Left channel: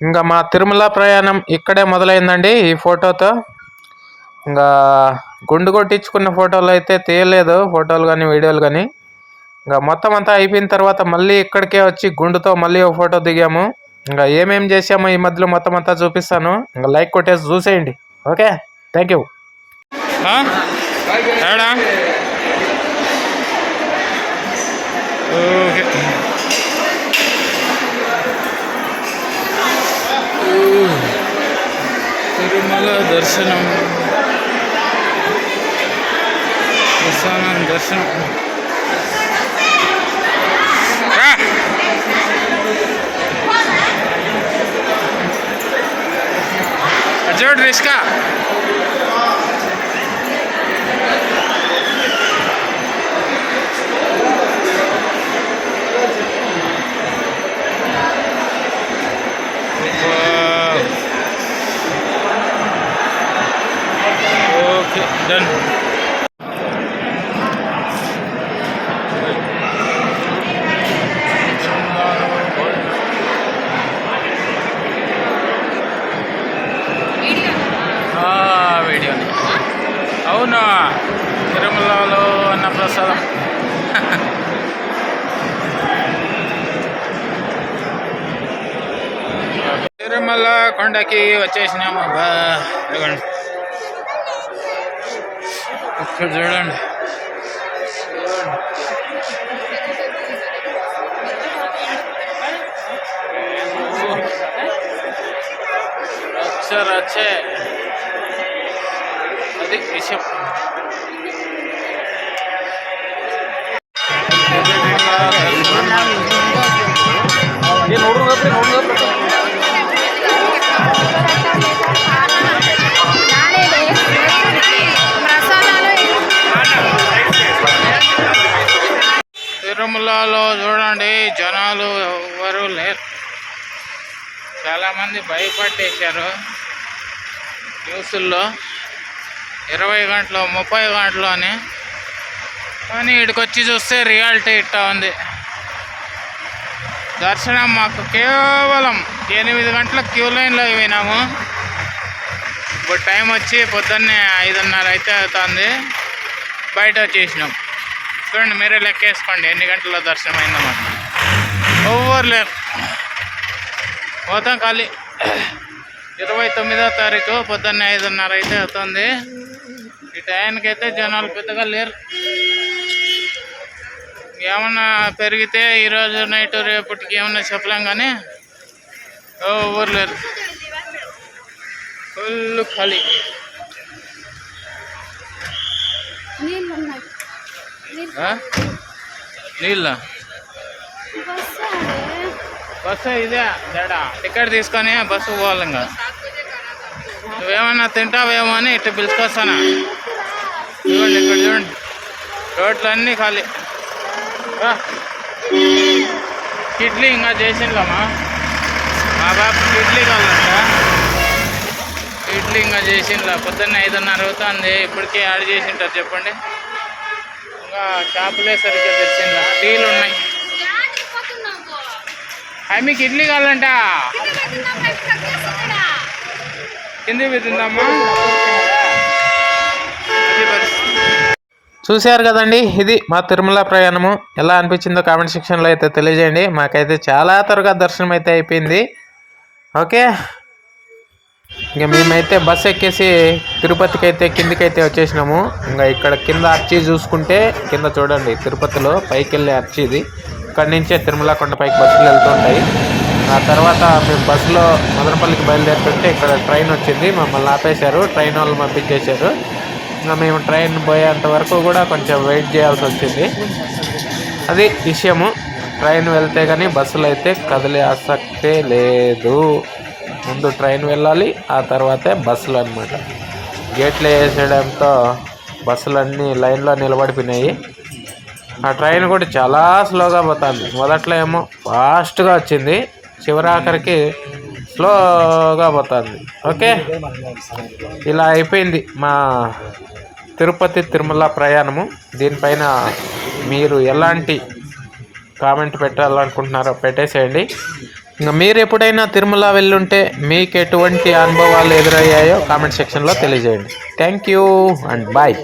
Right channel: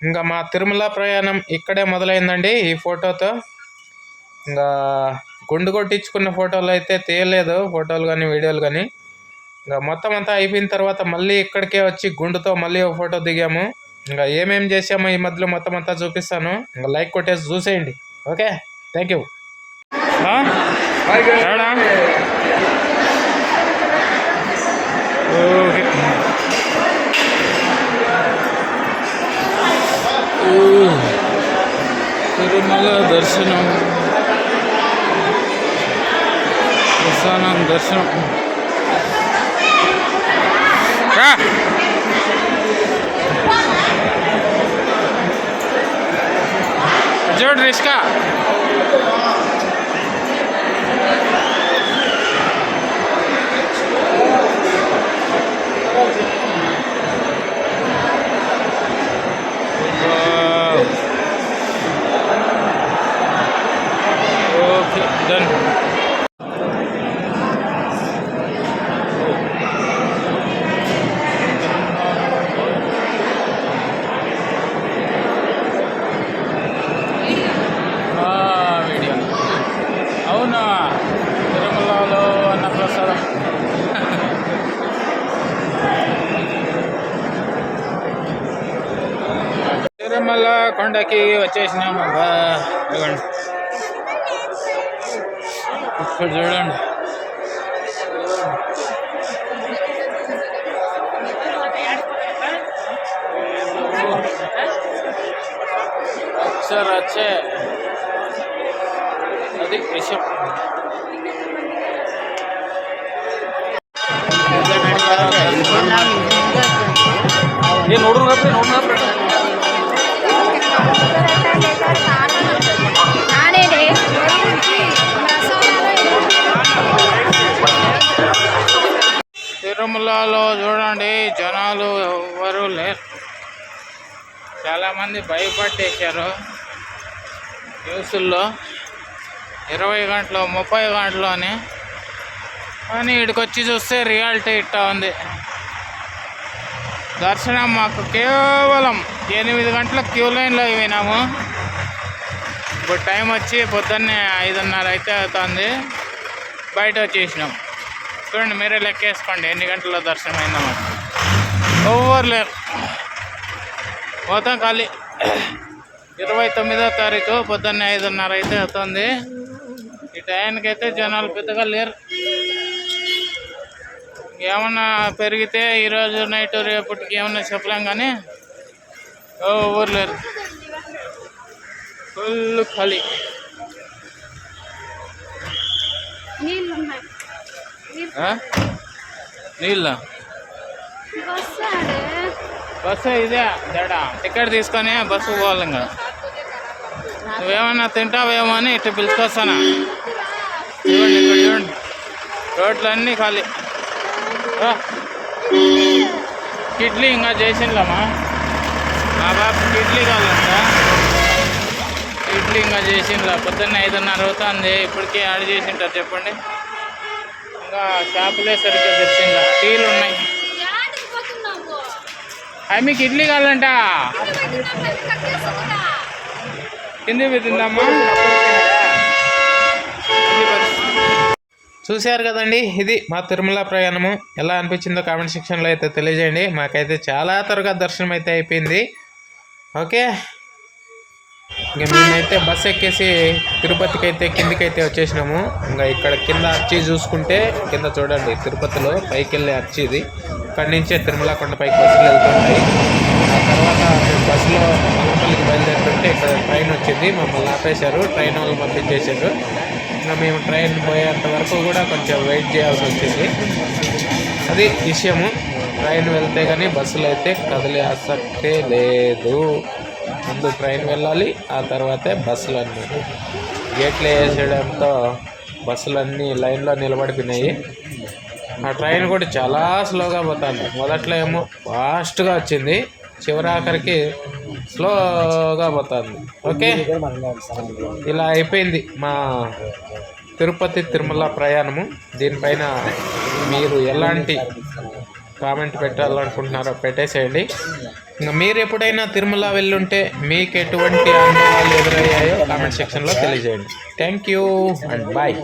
ఇంకా మా తిరుమల ప్రయాణం ఇక్కడే మొదలైందండి ఈ ఫోటోతో. ఇంకా గుండు కొట్టించుకున్న ఫోటోలు అయితే తీయలేదు ఫోటోలు కానీ వీడియోలు కానీ. ఇంకా మొత్తం అంతా అయిపోయిన తర్వాత మళ్ళీ ఇక్కడికే వచ్చి గుండుతో మళ్ళీ ఒక ఫోటో దిగాము. ఇంకా ఏమేమి చేసామో ఈ మధ్యలో మొత్తం అంతా చూపిస్తాను. ఇంకా లైక్ కొట్టేసి చూసేయండి. Okay? Thank you. Okay. Tirumala దర్శనం. ప్రస్థానం దర్శనం. రా. అది చూడు రిస్కా. Okay done video. తిరుమలలో తిరుమల కొండకి వచ్చేసినాము. బా ఇక్కడ చూడండి అక్షర వచ్చే అది విషయం ఏ ನೋಡ್ರು ನೋಡ್ರಿ ನೋಡ್ರು తిరుమలలో చూడండి జనాలు ఎవరు లేరు. చాలామంది భయపట్టేశారు. న్యూస్ల్లో ఇరవై గంటలు ముప్పై గంటలు అని. కానీ ఇక్కడికి వచ్చి చూస్తే రియాలిటీ ఇట్టా ఉంది. దర్శనం మాకు కేవలం ఎనిమిది గంటల క్యూ లైన్లో పోయినాము ఇప్పుడు టైం వచ్చి పొద్దున్నే ఐదున్నర అయితే అవుతుంది. బయట వచ్చేసినాం. చూడండి మీరే లెక్కేసుకోండి. ఎన్ని గంటల్లో దర్శనం అయిందన్నమాట ఓవర్ లేరు. మొత్తం ఖాళీ. ఇరవై తొమ్మిదో తారీఖు పొద్దున్నే ఐదున్నర అయితే అవుతుంది. ఈ టైంకి అయితే జనాలు పెద్దగా లేరు. ఏమన్నా పెరిగితే ఈరోజు నైట్ రేపటికి ఏమన్నా చెప్పలేం కానీ ఓవర్ లేరు. ఫుల్ ఖాళీ నీళ్ళు ఉన్నాయి ఆ? నీళ్ళ? బస్సు ఇదే? తేడా. టికెట్ తీసుకొని బస్సు పోవాలి ఇంకా నువ్వేమన్నా తింటావేమో అని ఇట్లా పిలుచుకొస్తానా? చూడండి ఇక్కడ చూడండి. రోడ్లు అన్నీ ఖాళీ. కిడ్లీ ఇడ్లీ ఇంకా చేసిండ్లమ్మా? మా బాబుకి ఇడ్లీ కావాలంట. ఇడ్లీ ఇంకా చేసిండ్లా. పొద్దున్న ఐదున్నర అవుతుంది. ఇప్పటికీ యాడ్ చేసింటారు చెప్పండి. ఇంకా షాపులే సరిగ్గా తెరిచిందా టీలు ఉన్నాయి. అవి మీకు ఇడ్లీ కావాలంట. కింది పెట్టిందమ్మా అది పరిస్థితి. చూశారు కదండి ఇది మా తిరుమల ప్రయాణము. ఎలా అనిపించిందో కామెంట్ సెక్షన్లో అయితే తెలియజేయండి. మాకైతే చాలా త్వరగా దర్శనం అయితే అయిపోయింది. ఓకే ఇంకా మేమైతే బస్ ఎక్కేసి తిరుపతికి అయితే కిందికైతే వచ్చేసినాము. ఇంకా ఇక్కడ కింద అర్చి చూసుకుంటే కింద చూడండి తిరుపతిలో పైకి వెళ్ళే అర్చీ ఇది. ఇక్కడ నుంచే తిరుమల కొండపైకి బస్సులు వెళ్తుంటాయి. ఆ తర్వాత మేము బస్సులో మదనపల్లికి బయలుదేరుతుంటే ఇక్కడ ట్రైన్ వచ్చింది. మమ్మల్ని ఆపేశారు. ట్రైన్ వాళ్ళు పంపించేశారు. ఇంకా మేము ట్రైన్ పోయేంత వరకు కూడా కొంచెం వెయిట్ చేయాల్సి వచ్చింది. అది విషయము. ట్రైన్ వెళ్తే కానీ బస్సులు అయితే కదిలే ఆసక్తే లేదు. ముందు ట్రైన్ వెళ్ళాలి ఆ తర్వాతే బస్సులు అనమాట గేట్లు వేసేయడంతో బస్సులన్నీ లైన్లో నిలబడిపోయినాయి. ఆ ట్రైన్ కూడా చాలా స్లోగా పోతుంది. మొదట్లో ఏమో ఫాస్ట్గా వచ్చింది చివరాఖరికి స్లోగా పోతుంది. ఓకే? ఇలా అయిపోయింది మా తిరుపతి తిరుమల ప్రయాణము. దీనిపైన మీరు ఎలాంటి కామెంట్ పెట్టాలనుకుంటున్నారో పెట్టేసేయండి. ఇంకా మీరు ఎప్పుడైనా తిరుమల వెళ్ళుంటే మీకు ఎటువంటి అనుభవాలు ఎదురయ్యాయో కామెంట్ సెక్షన్లో తెలియజేయండి. Thank you and bye